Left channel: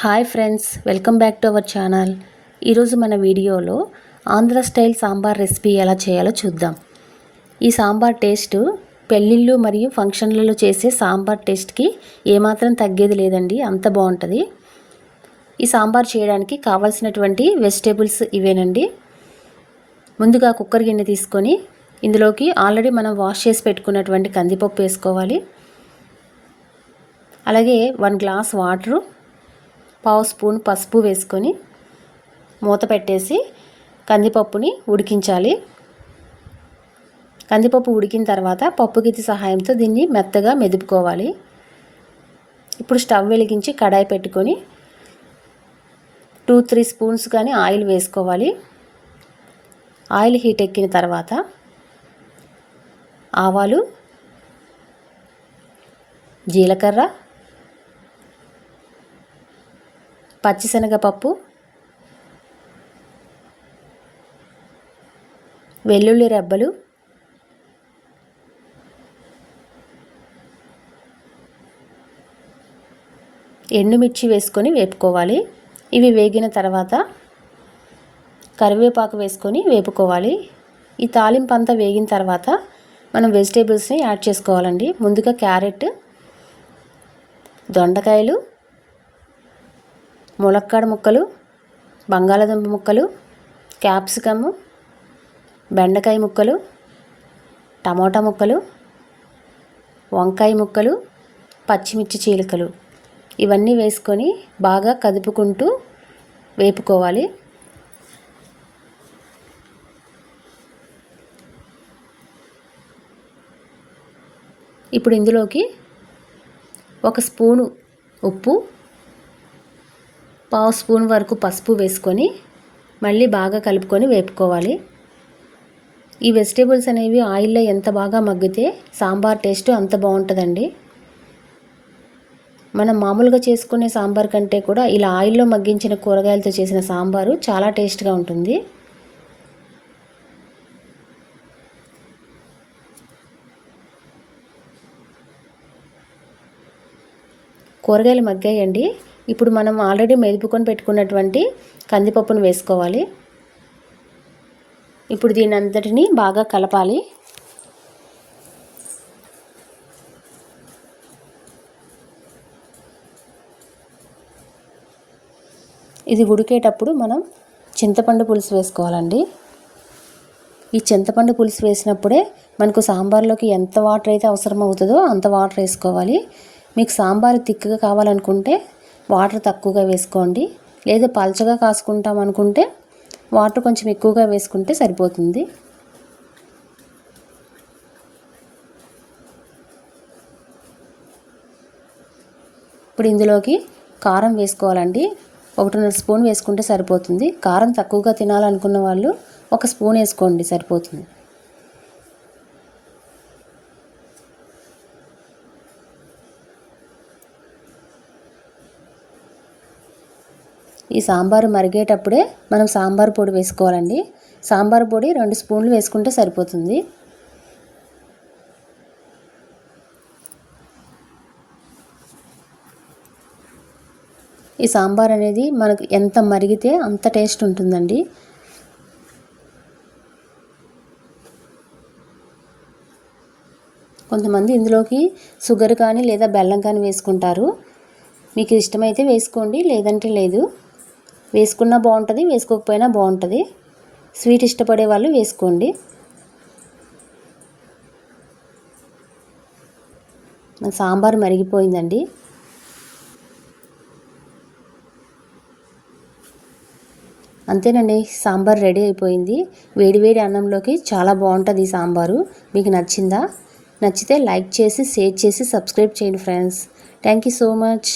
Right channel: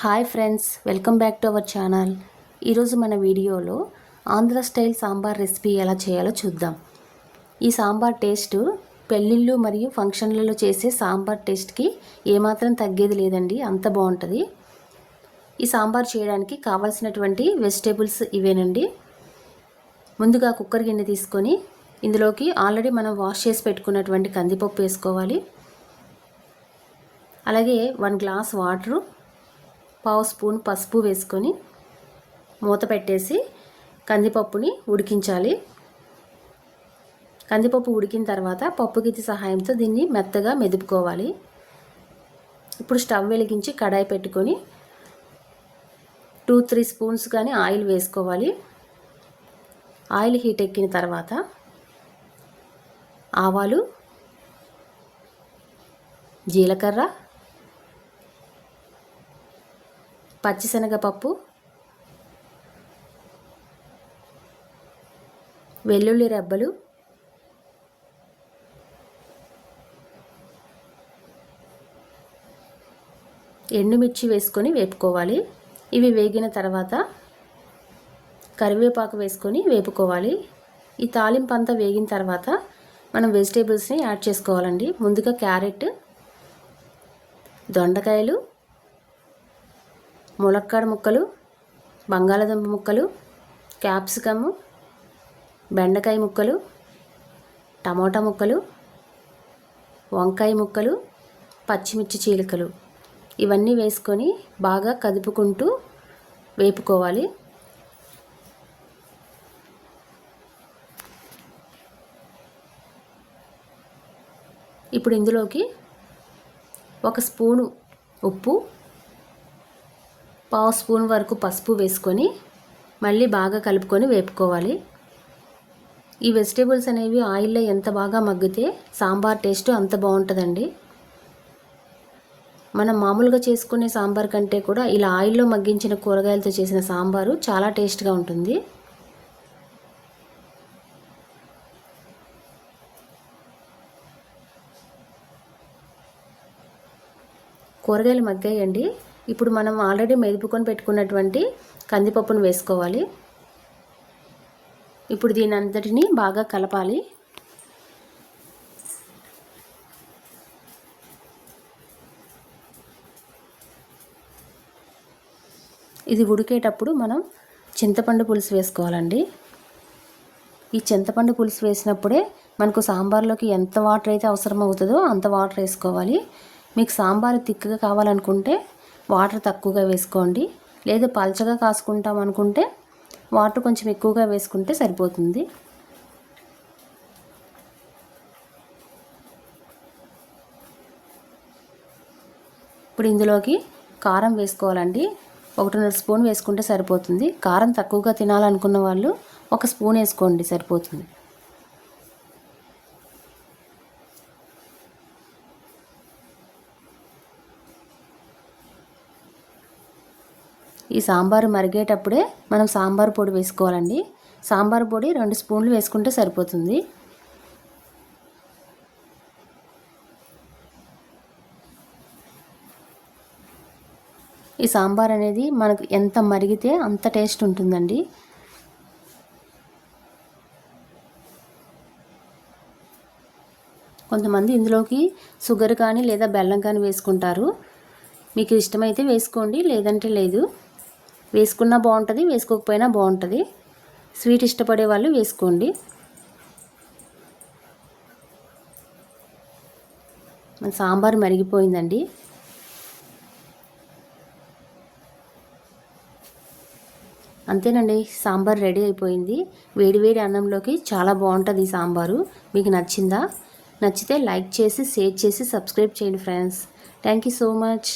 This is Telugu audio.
Hi friends welcome back to our channel. ఈరోజు మన వీడియోలో ఆంధ్ర స్టైల్ సాంబార్ రెసిపీ ఎలా చేయాలో చూద్దాం. ఈ సాంబార్ టేస్ట్ పెళ్ళిళ్ళు మరియు ఫంక్షన్లలో చేసే సాంబార్ టేస్ట్కి ఏమాత్రం తగ్గేది లేదండి అంత బాగుంటుంది. ఈ సాంబార్ చేయడానికి కావాల్సినటువంటి వెజిటేబుల్స్ ఇవేనండి. ముందుగా కుక్కర్ గిన్నె తీసుకొని ఇందులోకి ఆల్రెడీ మనం వాష్ చేసి పెట్టుకున్నటువంటి కందిపప్పు వేసుకోవాలి. అలాగే వన్ గ్లాస్ వాటరు పావు స్పూన్ పసుపు వేసుకొని మూత పెట్టేసి కందిపప్పుని ఉడికించాలి. కందిపప్పు ఉడికిన తర్వాత పప్పు గిత్తి సహాయంతో దీన్ని మెత్తగా మెదుపుకోవాలి. ఇప్పుడు స్టవ్ వెలిగించి కడాయి పెట్టుకొని టూ త్రీ స్పూన్స్ కానీ ఆయిల్ వేసుకోవాలి. ఆయిల్ హీట్ ఎక్కిన తర్వాత ఆవాలు జీలకర్ర పచ్చిశనగపప్పు వెల్లుల్లి రెబ్బలు ఎండుమిర్చి వేసుకొని వేపుకోవాలి. ఇవి వేగిన తర్వాత కరివేపాకు వేసుకొని వేపుకోవాలి. ఈ తాలింపు అంతా వేగిన తర్వాత మనం వెజిటేబుల్స్ని యాడ్ చేసుకోవాలండి. ముందుగా క్యారెట్ దొండకాయలు ములక్కాడ ముక్కలు బంగాళాదుంప ముక్కలు క్యాప్సికము బెండకాయ ముక్కలు టమోటా ముక్కలు వంకాయ ముక్కలు పచ్చిమిర్చి చీలికలు. ఇవన్నీ వేసుకొని బాగా కదుపుకుంటూ వేపుకోవాలి. ఇప్పుడు ఇందులోకి ఒక స్పూను ఉప్పు పావు స్పూన్ వరకు పసుపు వేసుకొని మళ్ళీ బాగా కలుపుకొని వేపుకోవాలి. ఈ వెజిటేబుల్స్ అనేవి ఆయిల్లో ఎంత బాగా మగ్గితే సాంబార్ టేస్ట్ అంత బాగుంటుందండి. మనం మామూలుగా చేసుకునే సాంబార్ కంటే కూడా ఇలా ఆయిల్లో మగ్గించిన కూరగాయలతో చేసిన సాంబారు చాలా టేస్ట్గా ఉంటుంది. కూరగాయలు మగ్గాయండి. ఇప్పుడు మనం ఆల్రెడీ మెదుపుకొని పెట్టుకున్నటువంటి కందిపప్పును వేసుకోవాలి. ఇప్పుడు దీని అంతటిని బాగా కలపాలి. ఇది ఉడికేటప్పుడు మనం చింతపండు పులుసు వేసుకోవాలండి. ఈ చింతపండు పులుసు వేసినప్పుడే మనకు సాంబార్లోకి ఎంత వాటర్ అయితే అవసరం అవుతుందో అంత వాటర్ వేసుకోవాలి. మీకు సాంబార్ తిక్కగా కావాలనుకుంటే వాటర్ తక్కువగా వేసుకోండి. లేదా పల్చగా కాసుకుంటాం అనుకుంటే వాటర్ కొంచెం ఎక్కువగా వేసుకుంటే సరిపోతుంది. ఇప్పుడు ఇందులోకి కారం వేసుకోవాలండి. ఒకటిన్నర స్పూన్ వేసుకుంటే సరిపోతుంది. కారం తక్కువగా తినాలనుకున్న వాళ్ళు ఒక స్పూన్ వేసుకోండి సరిపోతుంది. ఈ సాంబారు మరిగేటప్పుడే మనం సాంబార్ పొడి వేసుకోవాలండి. సాంబార్ పొడి రెండు స్పూన్లు వేసుకుంటే సరిపోతుంది. ఈ సాంబార్ అనేది మనకు ఎంత మరిగితే అంత టేస్ట్ ఉంటుందండి. కొంతమంది ఇందులోకి షుగర్ కానీ లేదా బెల్లం కానీ వేసుకుంటారు. మీకు ఇష్టమైతే వేసుకోండి లేదంటే లేదు. వేసుకున్నా బాగుంటుంది వేసుకోకపోయినా బాగుంటుంది. స్వీట్ ఇష్టపడే వాళ్ళు వేసుకోండి. మన సాంబార్ మరిగిపోయిందండి. అంతేనండి సాంబార్ రెడీ అయిపోయింది. వేడివేడి అన్నంలోకి చాలా బాగుంటుంది ఈ సాంబారు. మీకు నచ్చిందా? నచ్చితే లైక్ చేసి షేర్ చేసి సబ్స్క్రైబ్ చేయండి friends. Thank you so much